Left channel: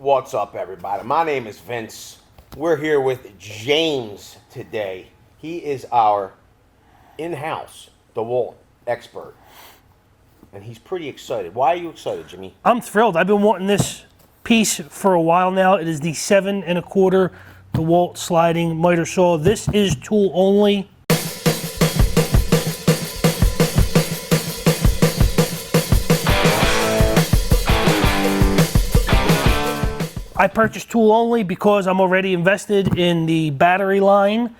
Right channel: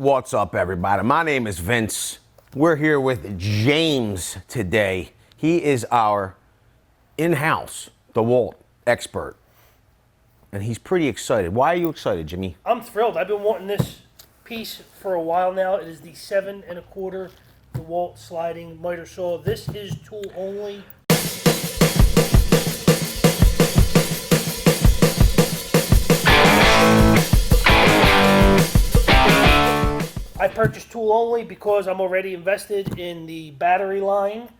What's up, everybody? My name is Vince. We're here with James today. He is our in-house DeWALT expert, and he's pretty excited. Why are you excited, Jimmy? I'm thrilled. I've been wanting this piece for a while now. It is the 7 1/4 DeWALT sliding miter saw. This is tool only. I purchased tool only because I'm already invested in the battery line.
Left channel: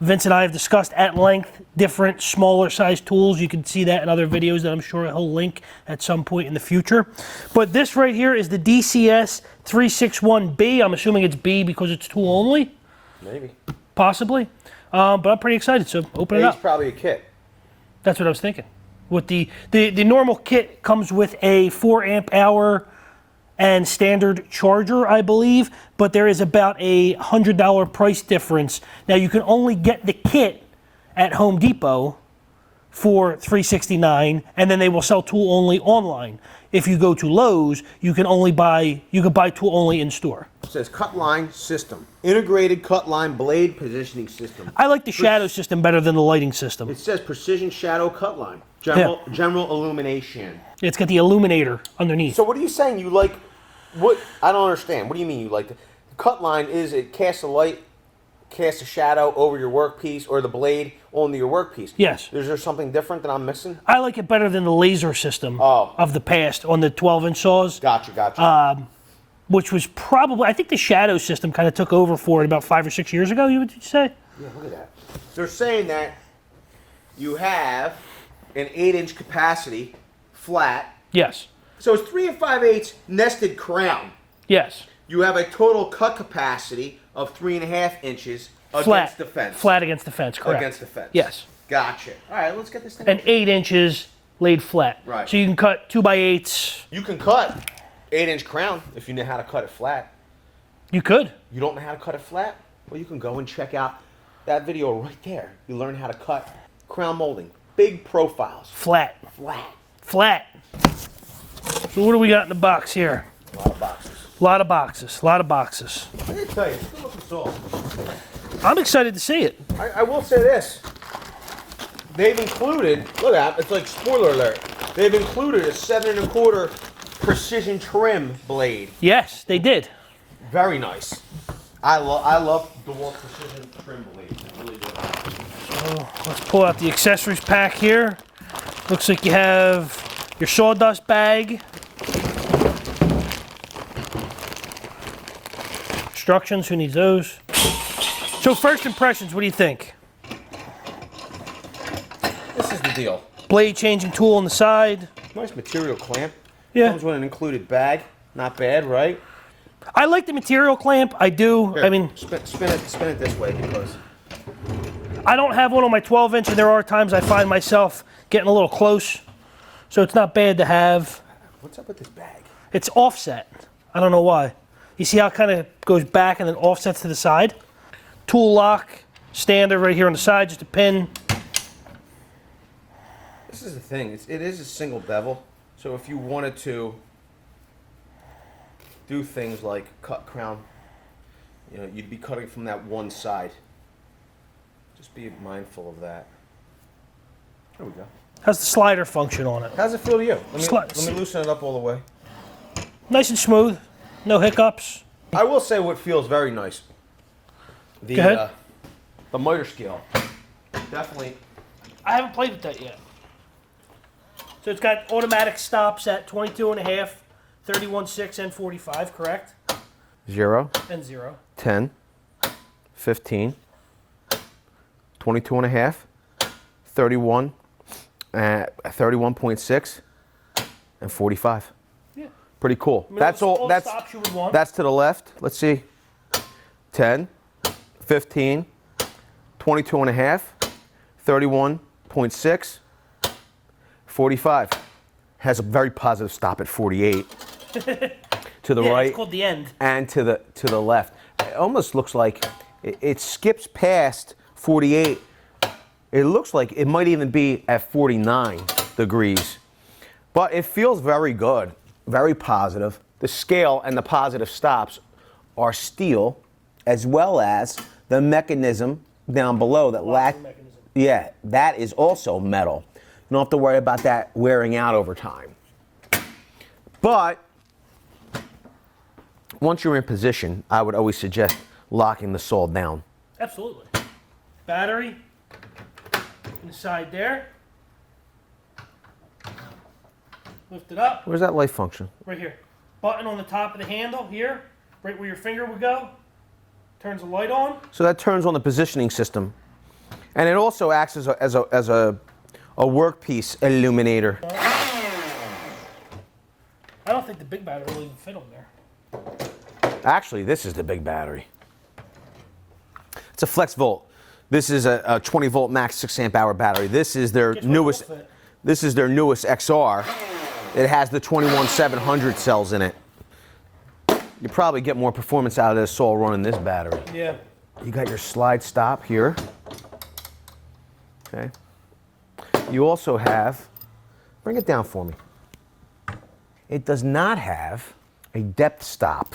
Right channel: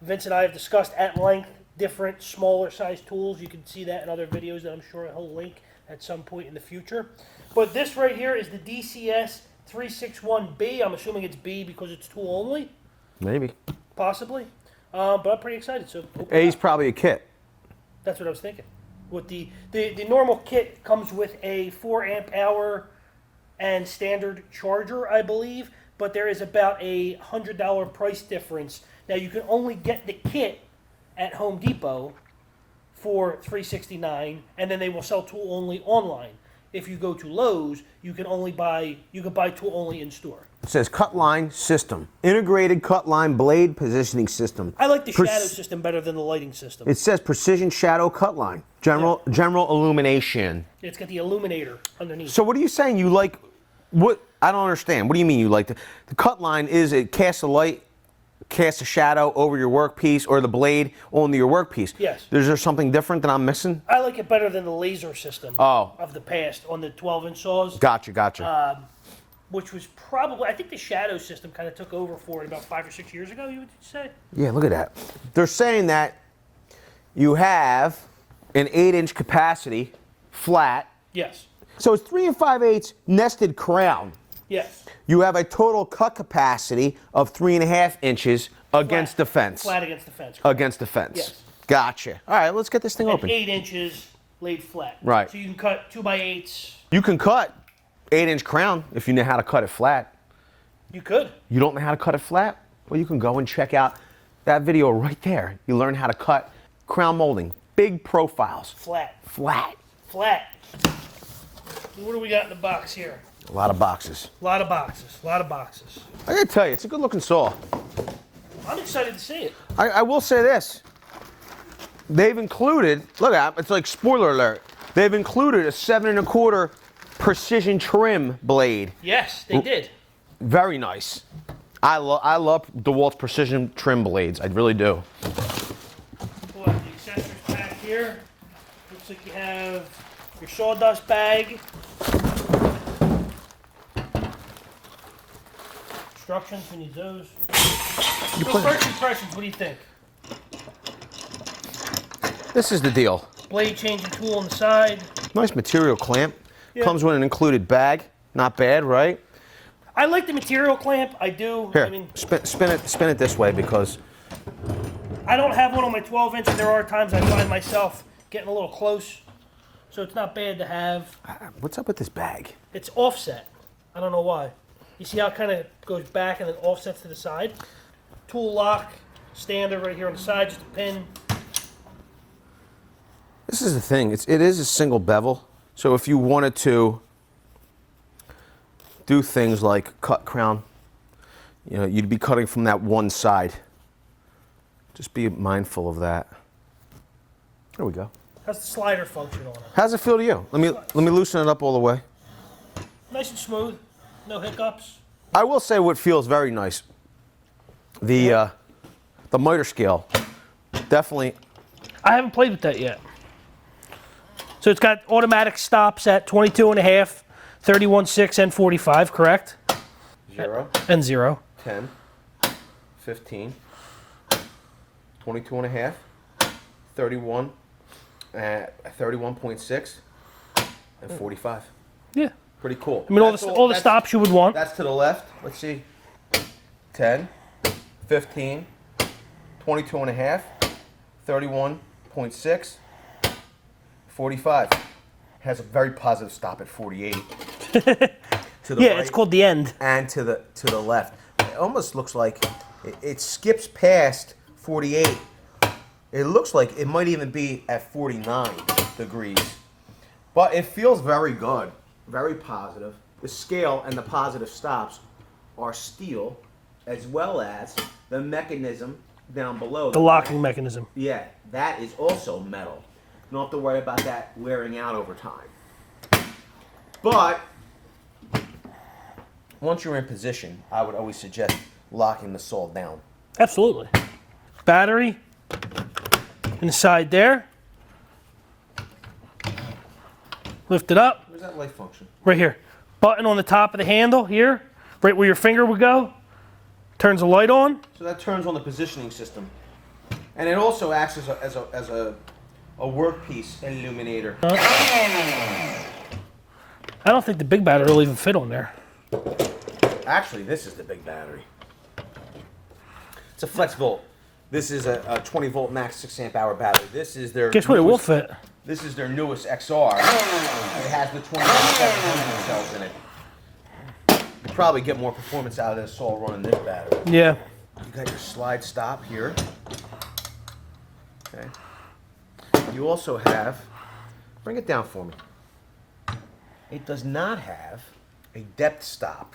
Vince and I have discussed at length different smaller size tools. You can see that in other videos that I'm sure he'll link at some point in the future. But this right here is the DCS 361B. I'm assuming it's B because it's tool only. Maybe. Possibly. But I'm pretty excited, so open it up. A's probably a kit. That's what I was thinking. With the normal kit comes with a 4 amp hour and standard charger, I believe, but there is about a $100 price difference. Now you can only get the kit at Home Depot for $369, and then they will sell tool only online. If you go to Lowe's, you can buy tool only in store. It says cut line system, integrated cut line blade positioning system. I like the shadow system better than the lighting system. It says precision shadow cut line, general illumination. It's got the illuminator underneath. So what are you saying? You like? What? I don't understand. What do you mean you like the cut line? Is it cast a light, cast a shadow over your workpiece, or the blade onto your workpiece? Yes. Is there something different that I'm missing? I like it better than the laser system of the past on the 12-inch saws. Gotcha. Which was probably, I think the shadow system kind of took over for it about 5 or 6 years ago, you would say? Yeah, look at that. They're saying that you have an 8-inch capacity, flat. Yes. So it's 3 5/8 nested crown. Yes. You have a total cut capacity of 3.5 inches against the fence. Flat against the fence, correct. Against the fence. Yes. Gotcha. All right, let's get this thing And open. 8 inches laid flat. Right. So you can cut 2x8s. You can cut 8-inch crown if you know how to cut it flat. You could. You don't know how to cut it flat? Well, you can go and check out that video right there. You learn how to cut crown molding. Big profiles. Flat. Flat. Flat. So what do we got in the box here? A lot of boxes. A lot of boxes. A lot of boxes. I gotta tell you, it's a good looking saw. I'm excited to see it. I will say this. They've included, look at it, it's like spoiler alert. They've included a 7 1/4 precision trim blade. Yes, they did. Very nice. I love DeWALT precision trim blades. I really do. So let's pull out the accessories pack here. Looks like you have your sawdust bag. Instructions, who needs those? So first impressions, what do you think? This is the deal. Blade changing tool on the side. Nice material clamp. Yeah. Comes with an included bag. Not bad, right? I like the material clamp, I do. Here, I mean, spin it this way because I don't have one on my 12-inch, and there are times I find myself getting a little close. So it's not bad to have. what's up with this bag? It's offset. I don't know why. You see how it kind of goes back and then offsets to the side? Tool lock, standard right here on the side, just a pin. This is the thing. It is a single bevel. So if you wanted to do things like cut crown, you know, you'd be cutting from that one side. Just be mindful of that. There we go. Has the slider function on it. How's it feel to you? Let me loosen it up all the way. Nice and smooth, no hiccups. I will say what feels very nice. The miter scale, definitely. I haven't played with that yet. So it's got automatic stops at 22.5, 31.6, and 45, correct? 0, And 0. 10, 15, 22.5, 31, 31.6, and 45. Yeah. Pretty cool. I mean, all the stops you would want. That's to the left. Let's see. 10, 15, 22.5, 31.6, 45. Has a very positive stop at 48. To the right. Yeah, it's called the end. And to the left. It almost looks like it skips past 48. It looks like it might even be at 49 degrees. But it feels very good, very positive. the scale and the positive stops are steel, as well as the mechanism down below. The locking mechanism. Yeah, that is also metal. You don't have to worry about that wearing out over time. But once you're in position, I would always suggest locking the saw down. Absolutely. Battery inside there. Lift it up. Where's that light function? Right here. Button on the top of the handle here, right where your finger would go. Turns the light on. So that turns on the positioning system. And it also acts as a workpiece illuminator. I don't think the big battery will even fit on there. Actually, this is the big battery. It's a flex volt. This is a 20 volt max 6 amp hour battery. This is their Guess what? It will newest. fit. This is their newest XR. It has the 21700 cells in it. You probably get more performance out of this saw running this battery. Yeah. You got your slide stop here. Okay. You also have, bring it down for me. It does not have a depth stop.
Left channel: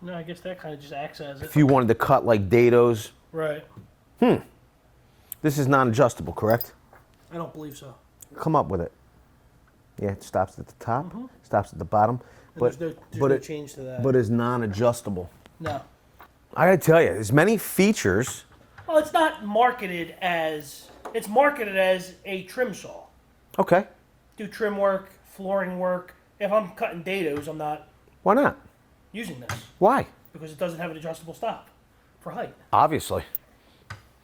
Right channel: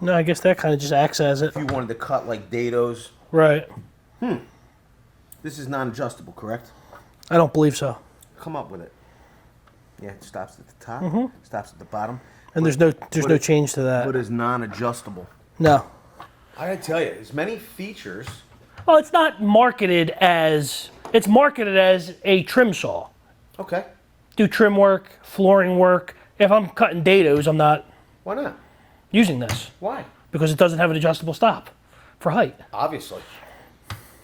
No, I guess that kind of just acts as it. If you wanted to cut like dados. Right. This is non-adjustable, correct? I don't believe so. Come up with it. Yeah, it stops at the top, stops at the bottom. And there's no change to that. But it's non-adjustable. No. I gotta tell you, there's many features. Well, it's not marketed as, it's marketed as a trim saw. Okay. Do trim work, flooring work. If I'm cutting dados, I'm not Why not? using this Why? because it doesn't have an adjustable stop for height. Obviously.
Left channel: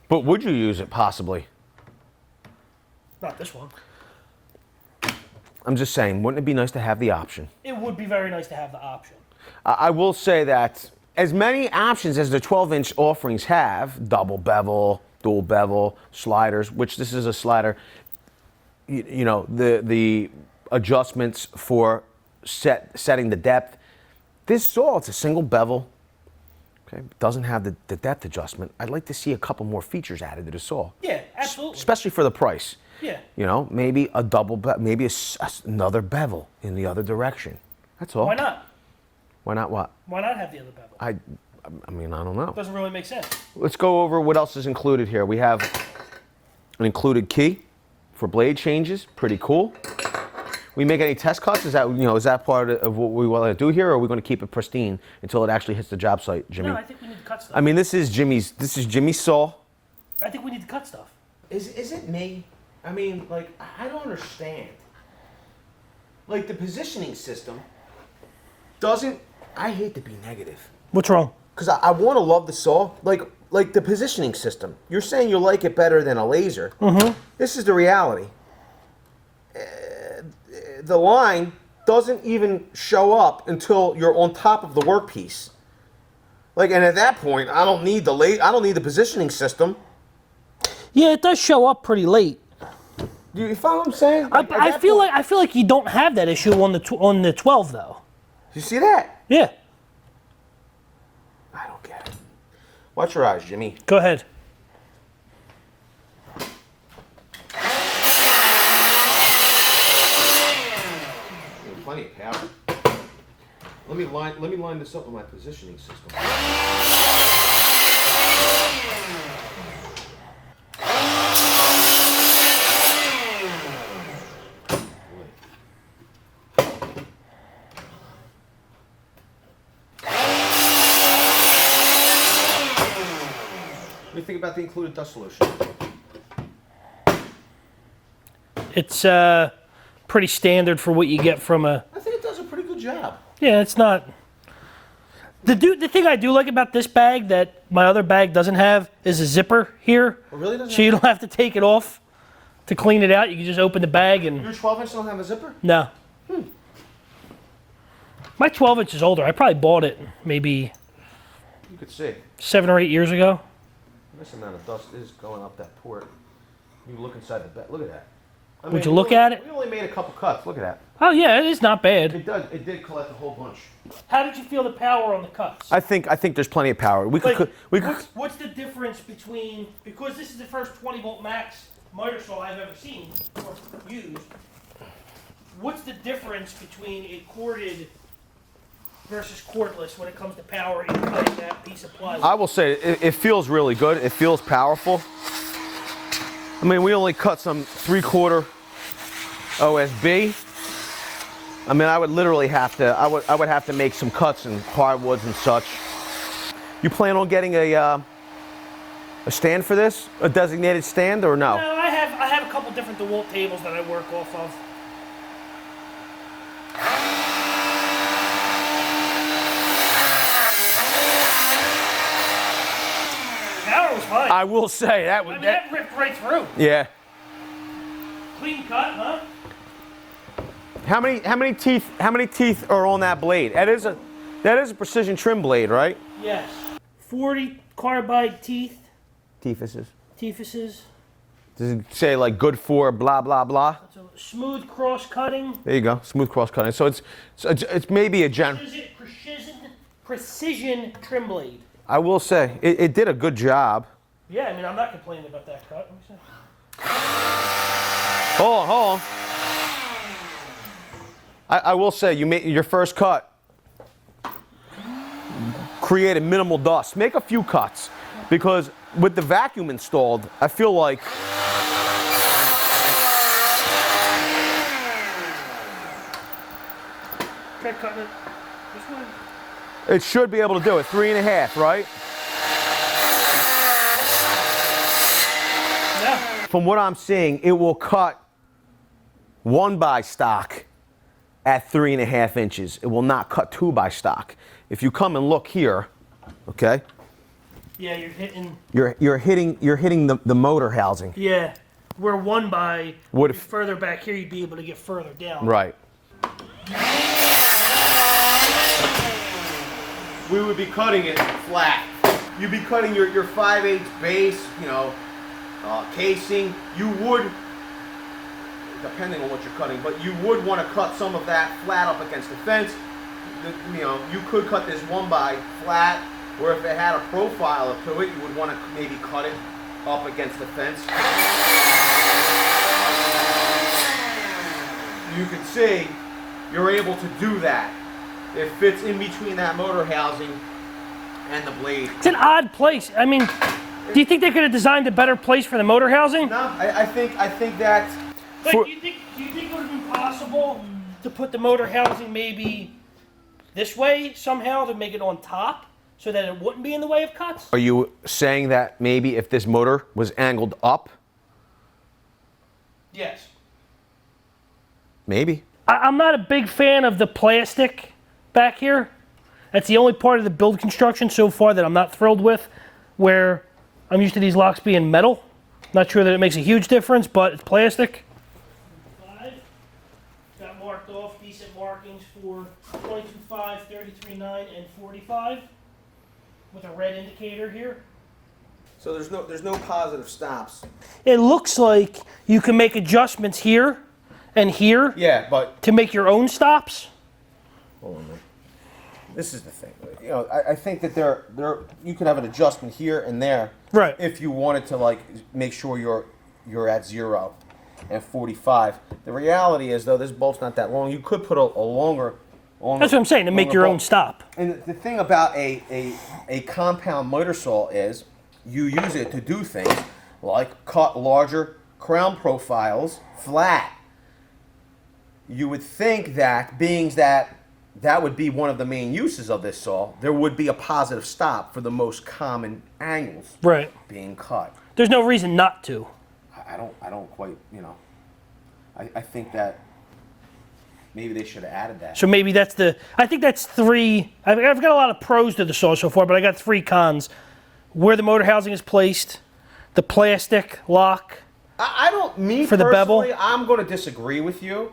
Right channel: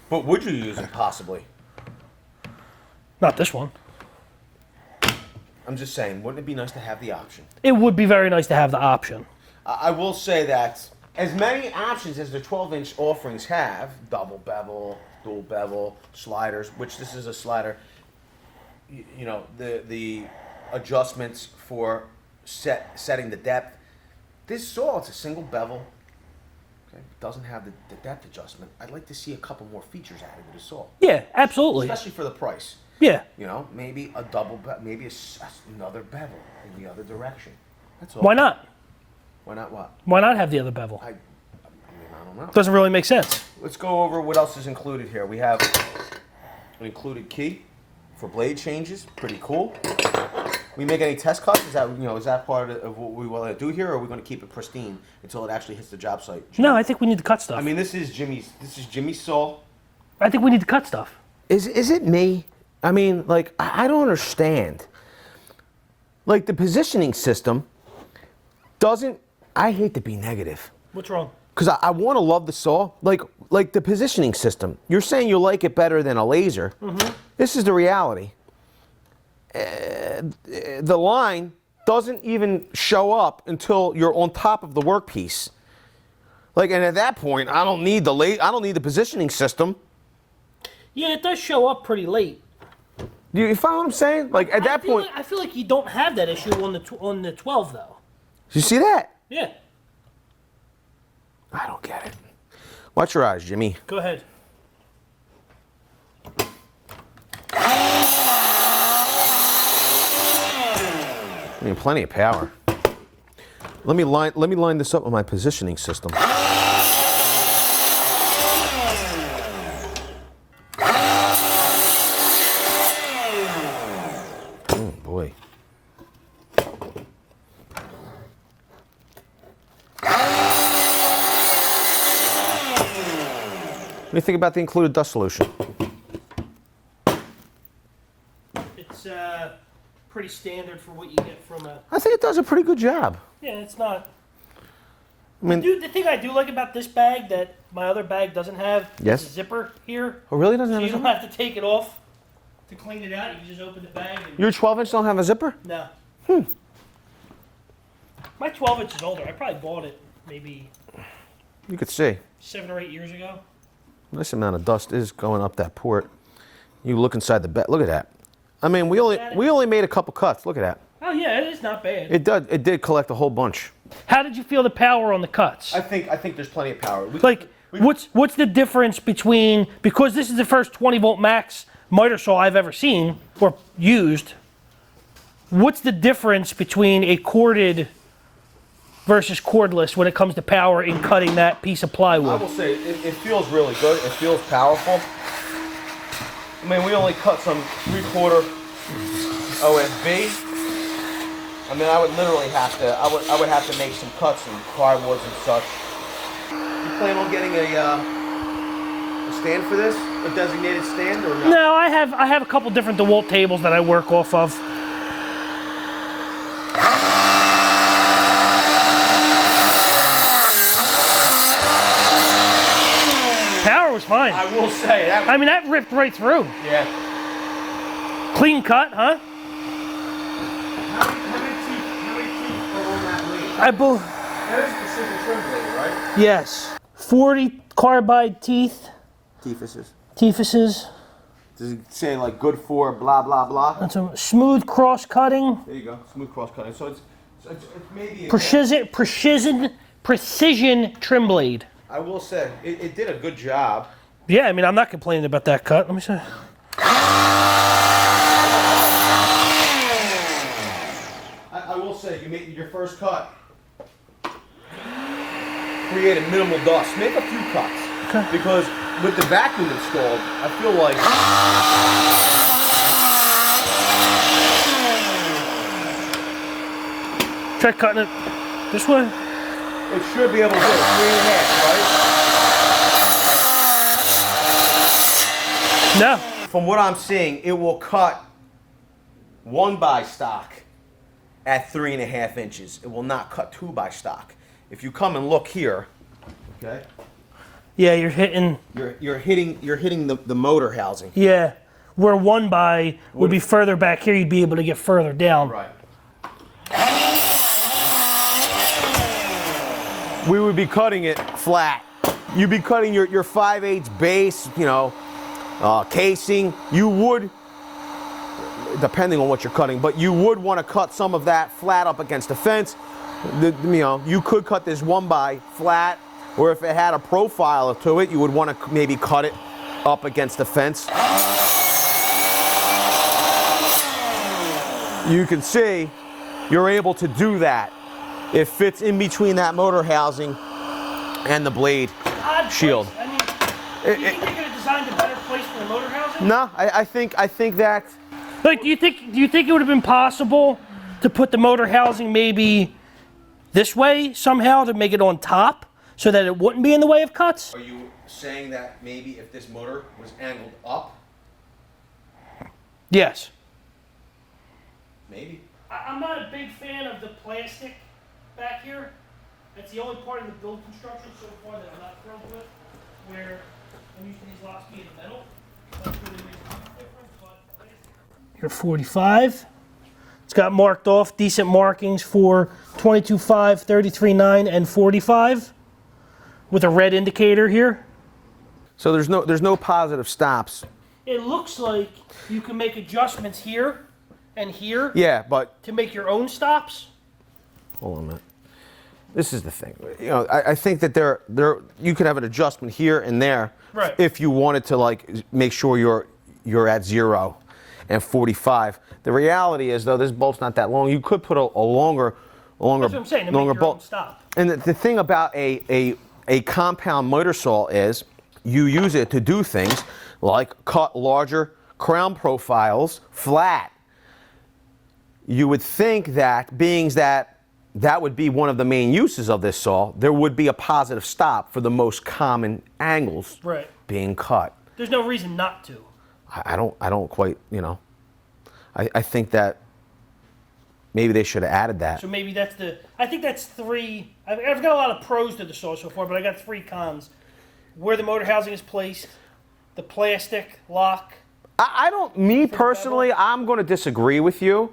But would you use it possibly? Not this one. I'm just saying, wouldn't it be nice to have the option? It would be very nice to have the option. I will say that as many options as the 12-inch offerings have, double bevel, dual bevel, sliders, which this is a slider, you know, the adjustments for setting the depth. This saw, it's a single bevel, okay, doesn't have the depth adjustment. I'd like to see a couple more features added to the saw. Yeah, absolutely. Especially for the price. Yeah. You know, maybe a double, maybe another bevel in the other direction. That's all. Why not? Why not what? Why not have the other bevel? I mean, I don't know. Doesn't really make sense. Let's go over what else is included here. We have an included key for blade changes. Pretty cool. We make any test cuts? Is that, you know, is that part of what we want to do here, or are we going to keep it pristine until it actually hits the job site, Jimmy? No, I think we need to cut stuff. I mean, this is Jimmy's saw. I think we need to cut stuff. Is it me? I mean, like, I don't understand. Like, the positioning system doesn't, I hate to be negative. What's wrong? Because I want to love the saw. Like the positioning system. You're saying you like it better than a laser. This is the reality. The line doesn't even show up until you're on top of the workpiece. Like, and at that point, I don't need the positioning system. Yeah, it does show up pretty late. You follow what I'm saying? Like, at I that feel point, like you don't have that issue on the 12 though. you see that? Yeah. I don't get it. Watch your eyes, Jimmy. Go ahead. I mean, plenty of power. Let me line this up with my positioning system. Oh boy. What do you think about the included dust solution? It's pretty standard for what you get from a. I think it does a pretty good job. Yeah, it's not. The thing I do like about this bag that my other bag doesn't have is a zipper here. Oh, really? Doesn't So you have don't have to take it off to clean it out. You can just open the bag and. Your 12-inch don't have a zipper? No. My 12-inch is older. I probably bought it maybe You could see. 7 or 8 years ago. Nice amount of dust is going up that port. You look inside the bed. Look at that. I mean, you we look only, at it? we only made a couple cuts. Look at that. Oh yeah, it's not bad. It did collect a whole bunch. How did you feel the power on the cuts? I think there's plenty of power. We Like, could, what's the difference between, because this is the first 20 volt max miter saw I've ever seen or used, what's the difference between a corded versus cordless when it comes to power in cutting that piece of plywood? I will say it feels really good. It feels powerful. I mean, we only cut some 3/4 OSB. I mean, I would literally have to. I would have to make some cuts and hardwoods and such. You plan on getting a stand for this? A designated stand or no? No, I have a couple different DeWALT tables that I work off of. Power was fine. I will say that. I mean, that ripped right through. Yeah. Clean cut, huh? How many teeth are on that blade? That is a precision trim blade, right? Yes. 40 carbide teeth. Teethuses. Teethuses. Does it say like good for blah blah blah? That's a smooth cross cutting. There you go, smooth cross cutting. So it's maybe a precision trim blade. I will say it did a good job. Yeah, I mean, I'm not complaining about that cut. Let me see. I will say you made your first cut. Created minimal dust. Make a few cuts. Okay. Because with the vacuum installed, I feel like Try cutting it this way. it should be able to do it. 3.5, right? No. From what I'm seeing, it will cut 1x stock at 3.5 inches. It will not cut 2x stock. If you come and look here, okay? Yeah, you're hitting. You're hitting the motor housing. Yeah, where 1x would be further back here, you'd be able to get further down. Right. We would be cutting it flat. You'd be cutting your 5/8 base, casing. You would, depending on what you're cutting, but you would want to cut some of that flat up against the fence. You could cut this 1x flat, or if it had a profile to it, you would want to maybe cut it up against the fence. You can see you're able to do that. It fits in between that motor housing and the blade. It's an odd shield. place. I mean, do you think they could have designed a better place for the motor housing? No, I think that. Like, do you think it would have been possible to put the motor housing maybe this way somehow to make it on top so that it wouldn't be in the way of cuts? Are you saying that maybe if this motor was angled up? Yes. Maybe. I'm not a big fan of the plastic back here. That's the only part of the build construction so far that I'm not thrilled with, where I'm used to these locks being metal. Not sure that it makes a huge difference, but it's plastic. Here, 45. It's got marked off, decent markings for 22.5, 33.9, and 45 with a red indicator here. So there's no positive stops. It looks like you can make adjustments here and here Yeah, but to make your own stops. hold on a minute. This is the thing. I think that you could have an adjustment here and there, Right. if you wanted to make sure you're at 0 and 45. The reality is though, this bolt's not that long. You could put a longer. That's what I'm saying, to make your own stop. And the thing about a compound motor saw is you use it to do things like cut larger crown profiles flat. You would think that, being that would be one of the main uses of this saw, there would be a positive stop for the most common angles being cut. There's no reason not to. I don't quite, I think that maybe they should have added that. So maybe I think that's 3. I've got a lot of pros to the saw so far, but I got 3 cons. Where the motor housing is placed, the plastic lock. I don't, me for the bevel. personally, I'm going to disagree with you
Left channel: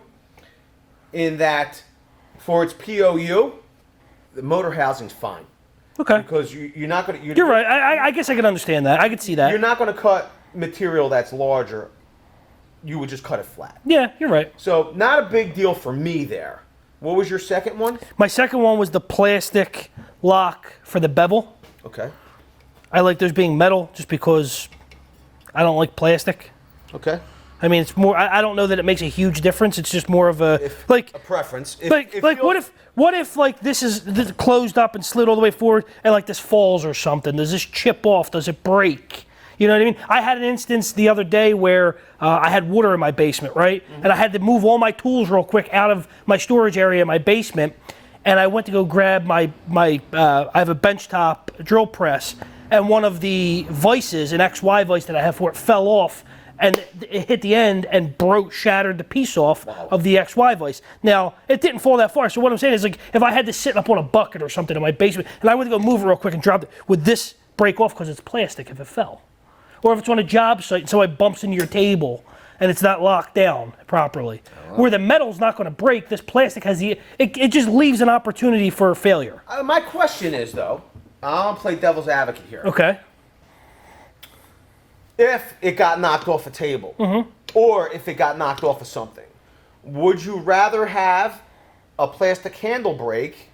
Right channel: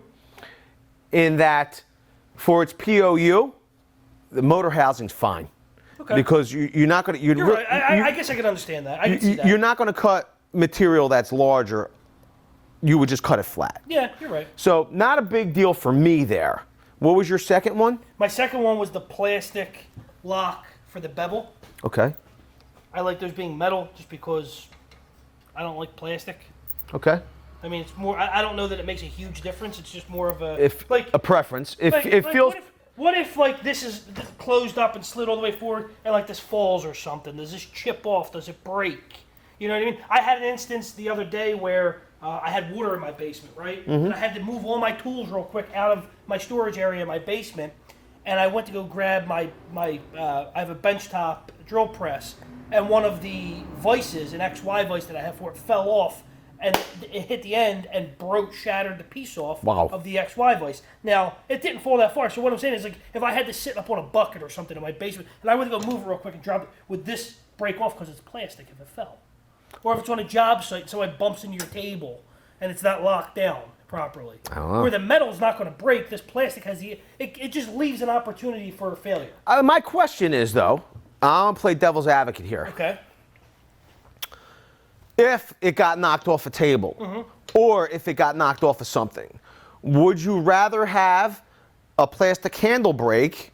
in that for its POU, the motor housing's fine. Okay. Because you're not going to... You're right. I guess I can understand that. I can see that. You're not going to cut material that's larger. You would just cut it flat. Yeah, you're right. So not a big deal for me there. What was your second one? My second one was the plastic lock for the bevel. Okay. I like those being metal just because I don't like plastic. Okay. I mean, it's more. I don't know that it makes a huge difference. It's just more of a A preference. what what if like this closed up and slid all the way forward and like this falls or something? Does this chip off? Does it break? You know what I mean? I had an instance the other day where I had water in my basement, right? And I had to move all my tools real quick out of my storage area in my basement. And I went to go grab I have a benchtop drill press, and one of the vices, an XY vice that I have for it, fell off, and it hit the end and shattered the piece off of the XY vice. Now, it didn't fall that far, so what I'm saying is, like, if I had to sit up on a bucket or something in my basement, and I went to go move it real quick and drop it, would this break off because it's plastic if it fell? Or if it's on a job site and somebody bumps into your table and it's not locked down properly. Where the metal's not going to break, this plastic has it just leaves an opportunity for failure. My question is, though, I'm going to play devil's advocate here. Okay. If it got knocked off a table, or if it got knocked off of something, would you rather have a plastic handle break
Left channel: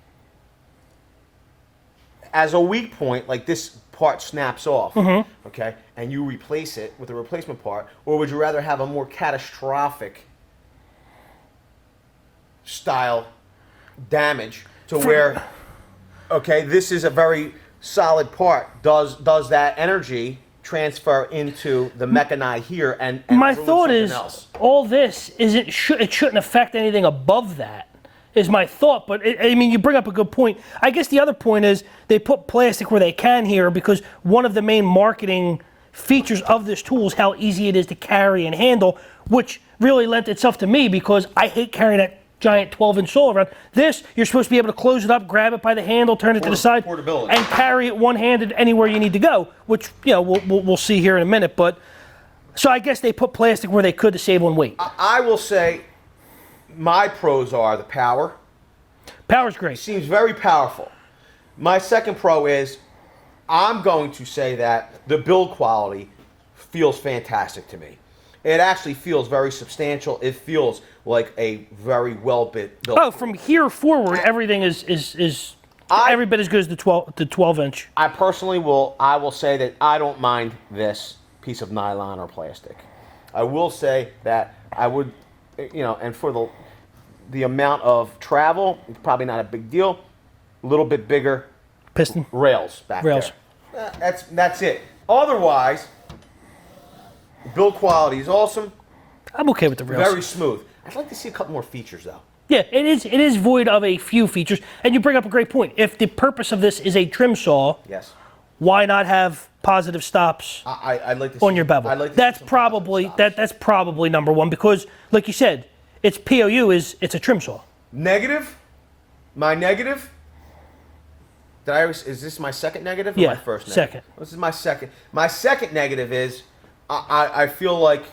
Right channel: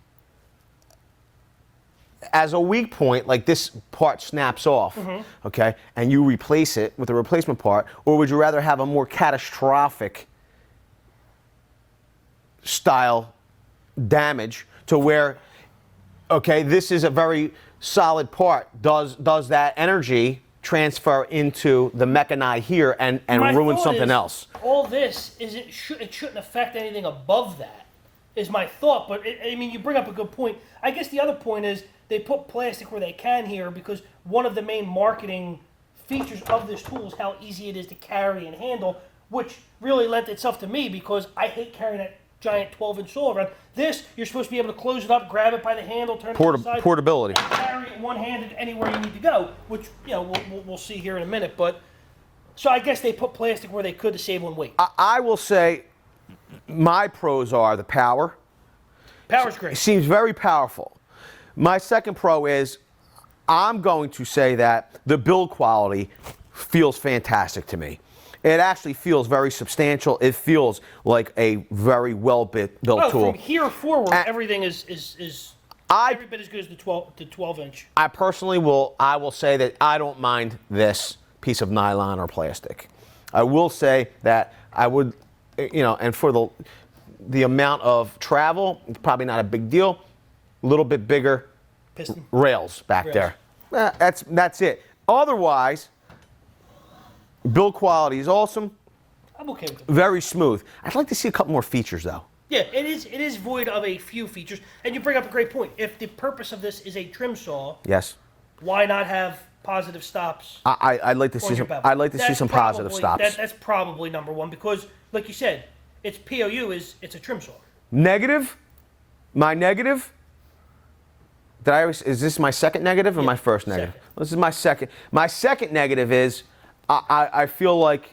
as a weak point, like this part snaps off, okay, and you replace it with a replacement part, or would you rather have a more catastrophic style damage to where, okay, this is a very solid part. Does that energy transfer into the mechani here and ruin something else? All this is it shouldn't affect anything above that. Is my thought, but I mean, you bring up a good point. I guess the other point is they put plastic where they can here because one of the main marketing features of this tool is how easy it is to carry and handle, which really lent itself to me because I hate carrying that giant 12-inch saw around. This, you're supposed to be able to close it up, grab it by the handle, turn it to the side, portability, and carry it one-handed anywhere you need to go, which we'll see here in a minute. But so I guess they put plastic where they could to save on weight. I will say, my pros are the power. Power's great. It seems very powerful. My second pro is I'm going to say that the build quality feels fantastic to me. It actually feels very substantial. It feels like a very well-built tool. From here forward, everything is every bit as good as the 12-inch. I personally will say that I don't mind this piece of nylon or plastic. I will say that I would, and for the amount of travel, it's probably not a big deal. A little bit bigger piston rails back there. That's it. Otherwise, build quality is awesome. I'm okay with the rails. Very smooth. I'd like to see a couple more features, though. Yeah, it is void of a few features, and you bring up a great point. If the purpose of this is a trim saw, yes, why not have positive stops? I'd like to on see your bevel. I'd like to see some positive stops. That's probably number one because, like you said, its POU it's a trim saw. Negative. My negative. Is this my second negative or my first negative? Second. This is my second. My second negative is I feel like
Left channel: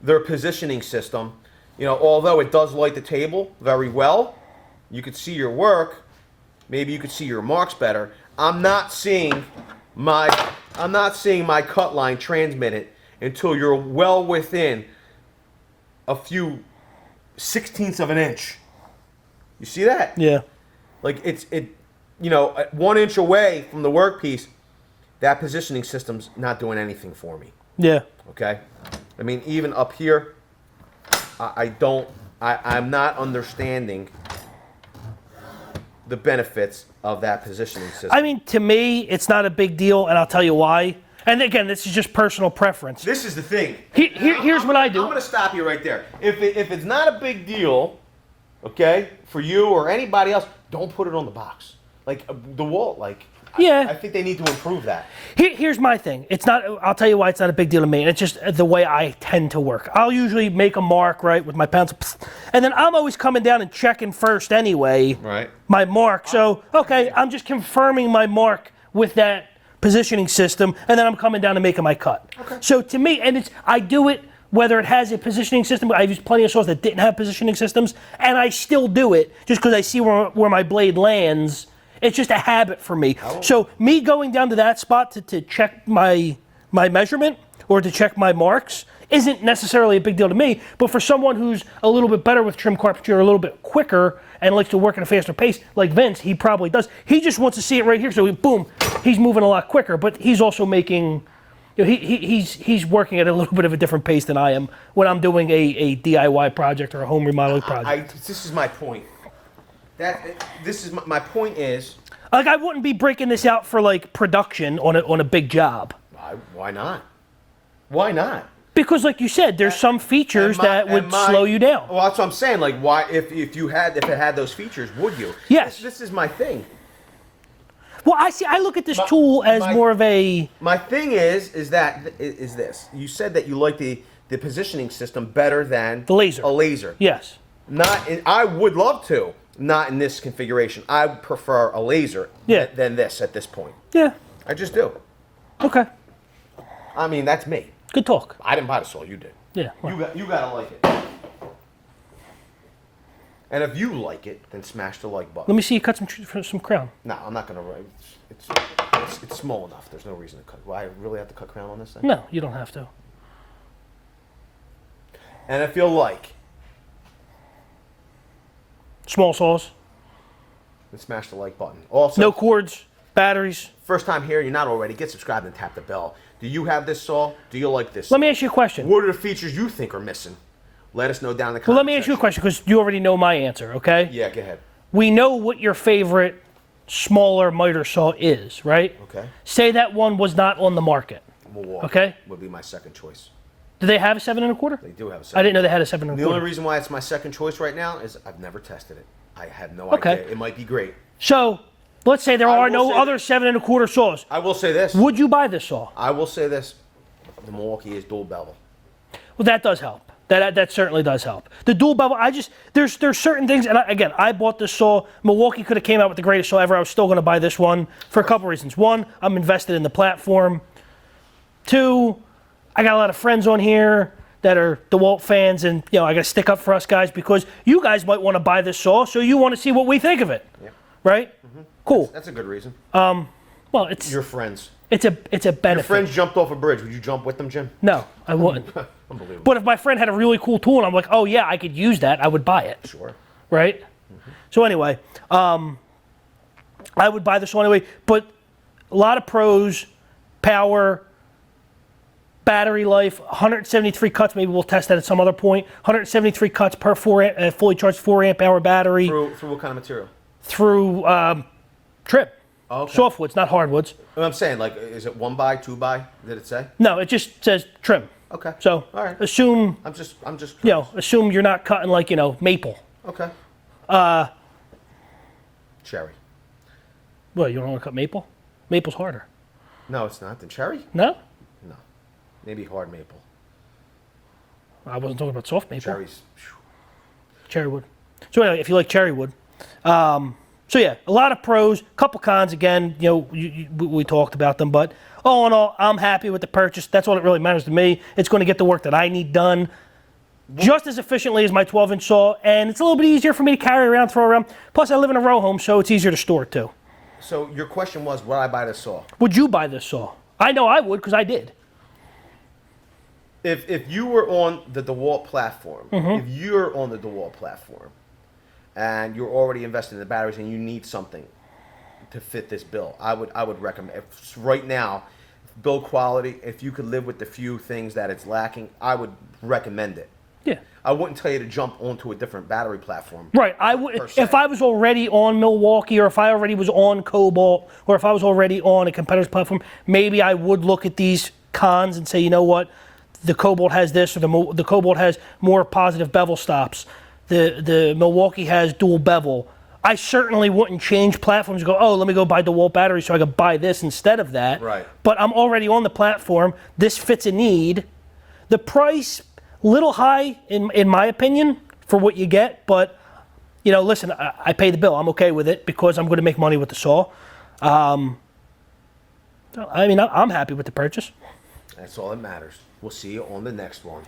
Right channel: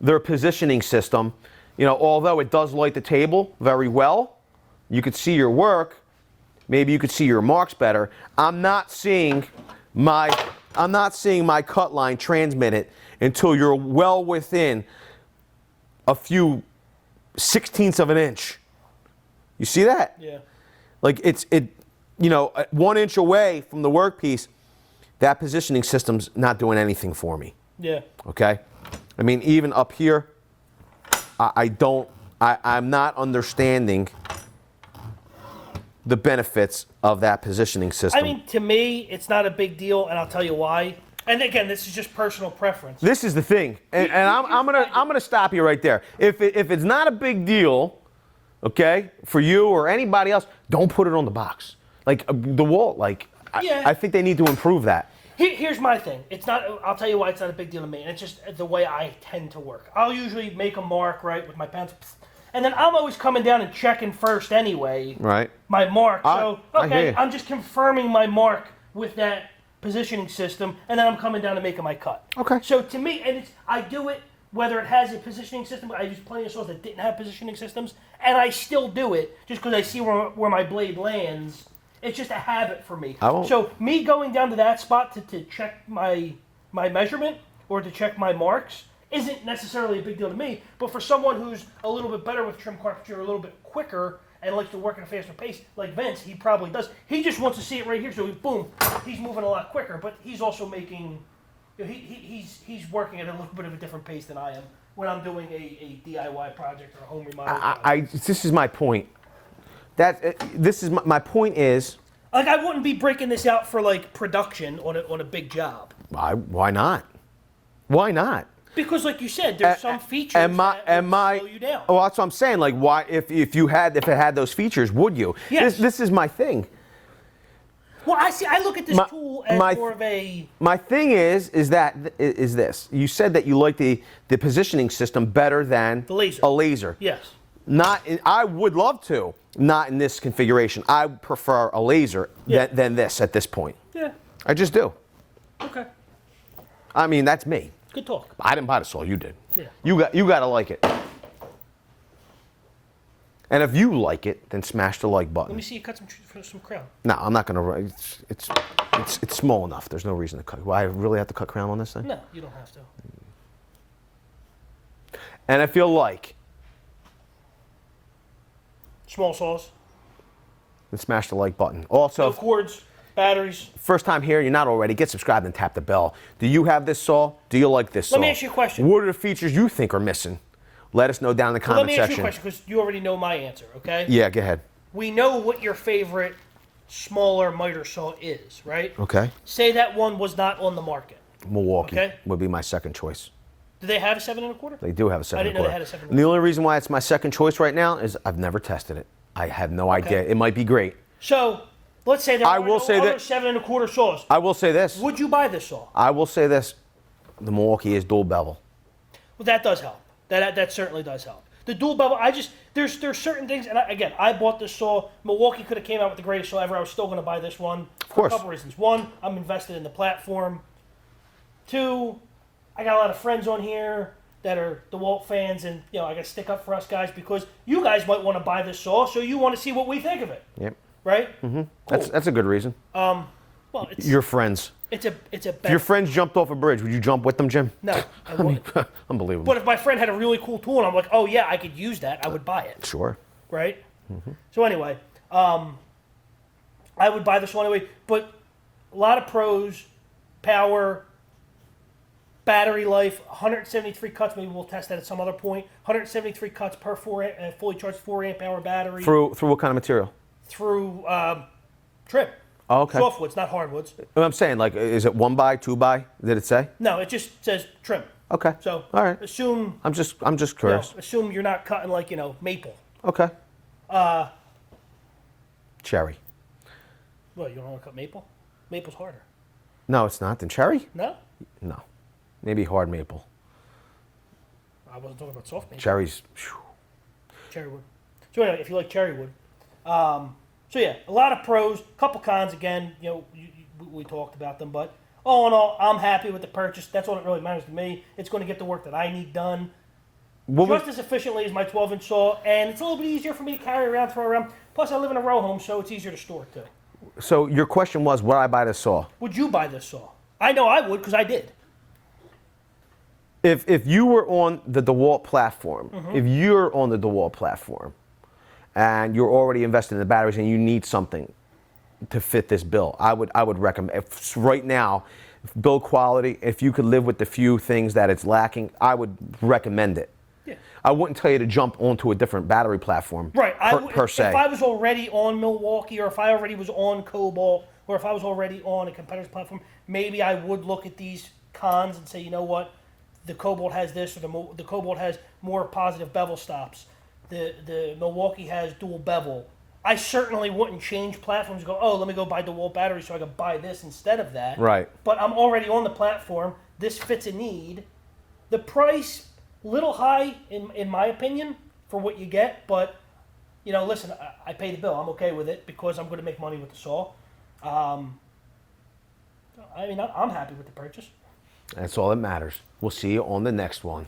their positioning system, although it does light the table very well, you could see your work, maybe you could see your marks better. I'm not seeing my cut line transmitted until you're well within a few 16ths of an inch. You see that? Yeah. Like at 1 inch away from the workpiece, that positioning system's not doing anything for me. Yeah. Okay? I mean, even up here, I'm not understanding the benefits of that positioning system. I mean, to me, it's not a big deal, and I'll tell you why. And again, this is just personal preference. This is the thing. Here's what I do. I'm going to stop you right there. If it's not a big deal, okay, for you or anybody else, don't put it on the box. Like DeWALT, I think they need to improve that. Here's my thing. It's not. I'll tell you why it's not a big deal to me. And it's just the way I tend to work. I'll usually make a mark with my pencil, and then I'm always coming down and checking first anyway. Right. My mark. So okay, I'm just confirming my mark with that positioning system, and then I'm coming down and making my cut. Okay. So to me, and I do it whether it has a positioning system. I've used plenty of saws that didn't have positioning systems, and I still do it just because I see where my blade lands. It's just a habit for me. So me going down to that spot to check my measurement or to check my marks isn't necessarily a big deal to me, but for someone who's a little bit better with trim carpentry or a little bit quicker and likes to work at a faster pace, like Vince, he probably does. He just wants to see it right here, so boom, he's moving a lot quicker, but he's also making, he's working at a little bit of a different pace than I am when I'm doing a DIY project or a home remodeling project. This is my point. This is my point is. Like, I wouldn't be breaking this out for like production on a big job. Why not? Why not? Because, like you said, there's some features that would slow you down. Well, that's what I'm saying. Like, why, if it had those features, would you? Yes. This is my thing. Well, I look at this tool as more of a. My thing is this. You said that you like the positioning system better than The laser. A laser. Yes. I would love to. Not in this configuration. I prefer a laser than this at this point. Yeah. I just do. Okay. I mean, that's me. Good talk. I didn't buy the saw. You did. Yeah. Well. You gotta like it. And if you like it, then smash the like button. Let me see you cut some crown. No, I'm not gonna. It's small enough. There's no reason to cut. Well, I really have to cut crown on this thing? No, you don't have to. And I feel like. Small saws. Then smash the like button. Also, no cords, batteries. First time here, you're not already. Get subscribed and tap the bell. Do you have this saw? Do you like this saw? Let me ask you a question. What are the features you think are missing? Let us know down in the Well, comment section. let me ask you a question because you already know my answer, okay? Yeah, go ahead. We know what your favorite smaller miter saw is, right? Okay. Say that one was not on the market. Milwaukee would be my second choice. Do they have a 7 1/4? They do have a 7 I didn't know they had a 7 1/4. The only reason why it's my second choice right now is I've never tested it. I have no idea. It might be great. So, let's say there are no other 7 1/4 saws. I will say this. Would you buy this saw? I will say this. The Milwaukee is dual bevel. Well, that does help. That certainly does help. The dual bevel, there's certain things, and again, I bought this saw. Milwaukee could have came out with the greatest saw ever. I was still going to buy this one for a couple reasons. One, I'm invested in the platform. Two, I got a lot of friends on here that are DeWALT fans, and I got to stick up for us guys because you guys might want to buy this saw, so you want to see what we think of it. Yep. Right? Mm-hmm. Cool. That's a good reason. Well, it's your friends. It's a benefit. Your friends jumped off a bridge. Would you jump with them, Jim? No, I wouldn't. Unbelievable. But if my friend had a really cool tool and I'm like, oh yeah, I could use that, I would buy it. Sure. Right? Mm-hmm. So anyway, I would buy this one anyway. But a lot of pros, power, battery life, 173 cuts. Maybe we'll test that at some other point. 173 cuts per fully charged 4 amp hour battery. Through what kind of material? Through trim. Oh, okay. Softwoods, not hardwoods. I'm saying, like, is it 1 by, 2 by? Did it say? No, it just says trim. Okay. So all right. Assume. I'm just curious. Assume you're not cutting like maple. Okay. Cherry. Well, you don't want to cut maple? Maple's harder. No, it's not. Then cherry? No. No. Maybe hard maple. I wasn't talking about soft maple. Cherries. Cherry wood. So anyway, if you like cherry wood. So yeah, a lot of pros, couple cons. Again, we talked about them, but all in all, I'm happy with the purchase. That's all that really matters to me. It's going to get the work that I need done just as efficiently as my 12-inch saw, and it's a little bit easier for me to carry around, throw around. Plus, I live in a row home, so it's easier to store it too. So your question was, would I buy this saw? Would you buy this saw? I know I would because I did. If you were on the DeWALT platform, if you're on the DeWALT platform, and you're already invested in the batteries and you need something to fit this bill, I would recommend. Right now, build quality, if you could live with the few things that it's lacking, I would recommend it. Yeah. I wouldn't tell you to jump onto a different battery platform. Right. Per se. If I was already on Milwaukee, or if I already was on Cobalt, or if I was already on a competitor's platform, maybe I would look at these cons and say, you know what, the Cobalt has this, or the Cobalt has more positive bevel stops. The Milwaukee has dual bevel. I certainly wouldn't change platforms and go, oh, let me go buy DeWALT batteries so I could buy this instead of that. Right. But I'm already on the platform. This fits a need. The price, little high in my opinion for what you get, but listen, I pay the bill. I'm okay with it because I'm going to make money with the saw. I'm happy with the purchase. That's all that matters. We'll see you on the next one.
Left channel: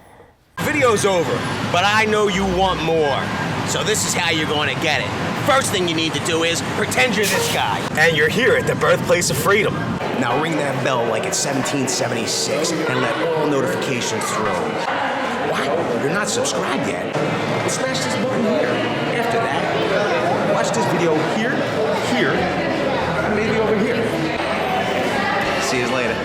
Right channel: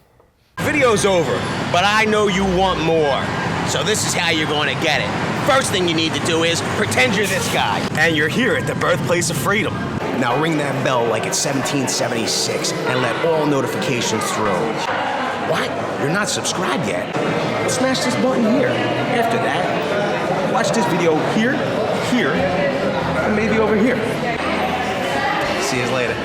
Video's over, but I know you want more. So this is how you're going to get it. First thing you need to do is pretend you're this guy. And you're here at the birthplace of freedom. Now ring that bell like it's 1776 and let all notifications through. What? You're not subscribed yet? Well, smash this button here. After that, watch this video here, and maybe over here. See you later.